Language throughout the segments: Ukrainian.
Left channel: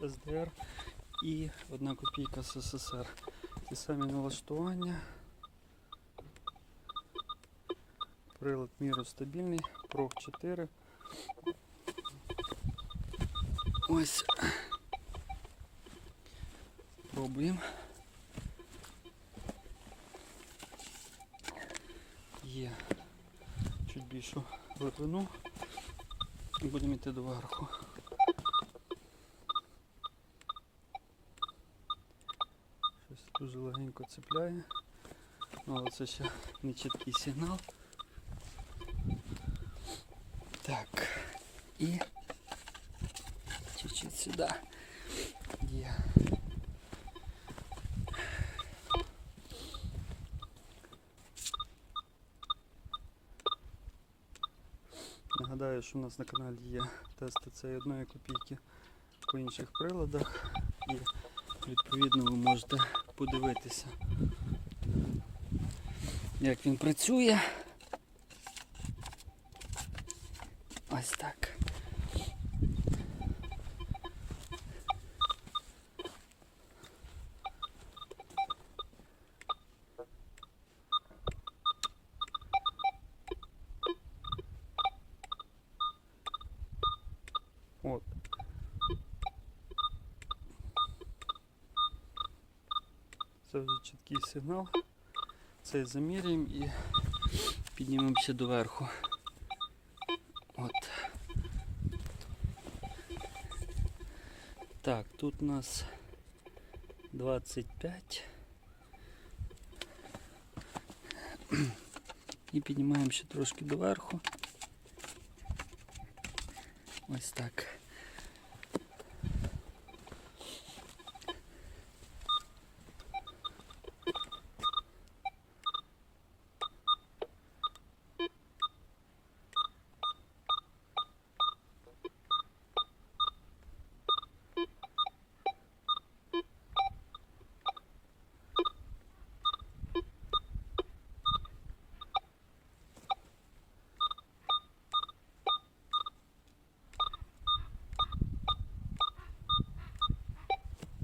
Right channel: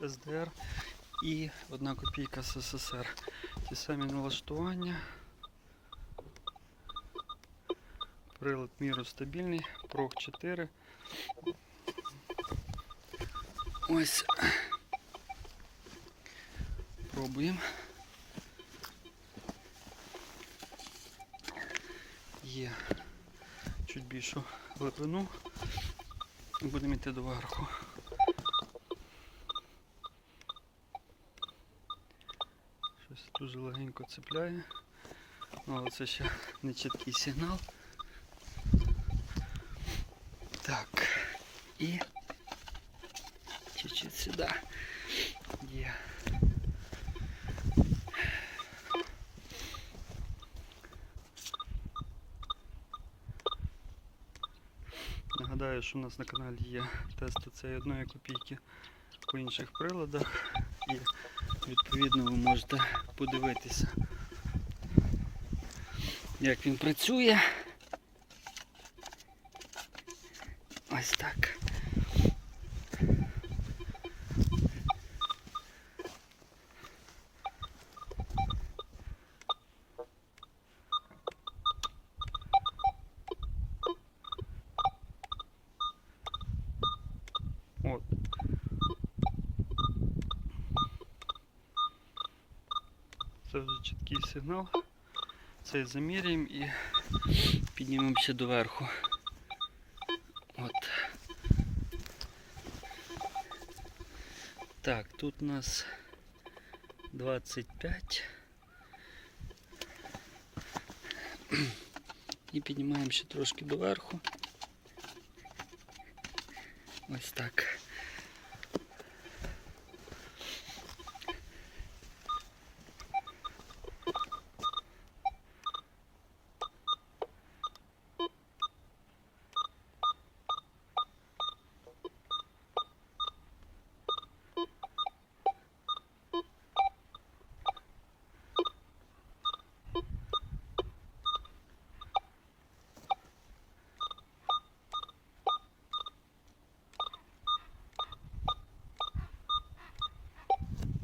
СДР і 1 копійка СССР. Ті самі налаштування. Прилад міру стабільний, прог 4. Ось. Пробуємо. Є чуть більшу глибину. Будемо йти доверху. Щось дуже легенько цепляє. Ну, але це ще не чіткий сигнал. Так. І чуть-чуть сюди. Є. Нагадаю, що у нас на каналі є тести цієї одної копійки по інших приладах і відповідно ви можете подивитися, як він працює. Ось так. От. Це вже чіткий сигнал. Цей заміряємо і піднімемося доверху. От. Так, тут у нас 25. І піднімаємо ще трошки доверху. Ось так.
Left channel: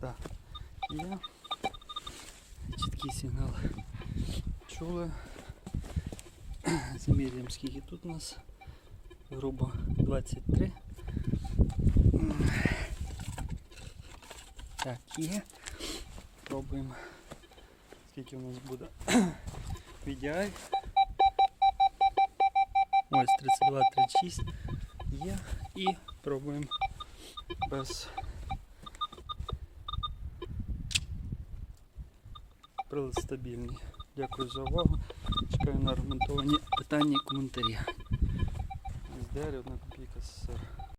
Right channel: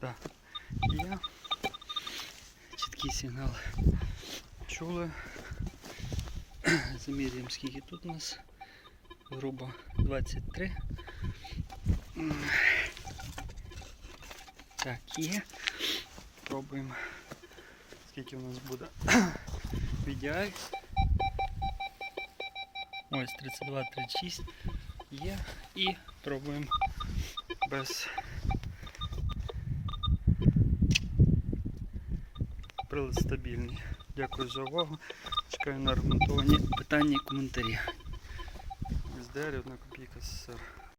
Так, є. Чіткий сигнал чули. Замірюємо скільки тут у нас. Грубо 23. Так, є. Пробуємо. Скільки у нас буде. VDI. Ось 32, 36 є. І пробуємо без Прилад стабільний. Дякую за увагу. Чекаю на аргументовані питання і коментарі. СДР, одна копійка СССР.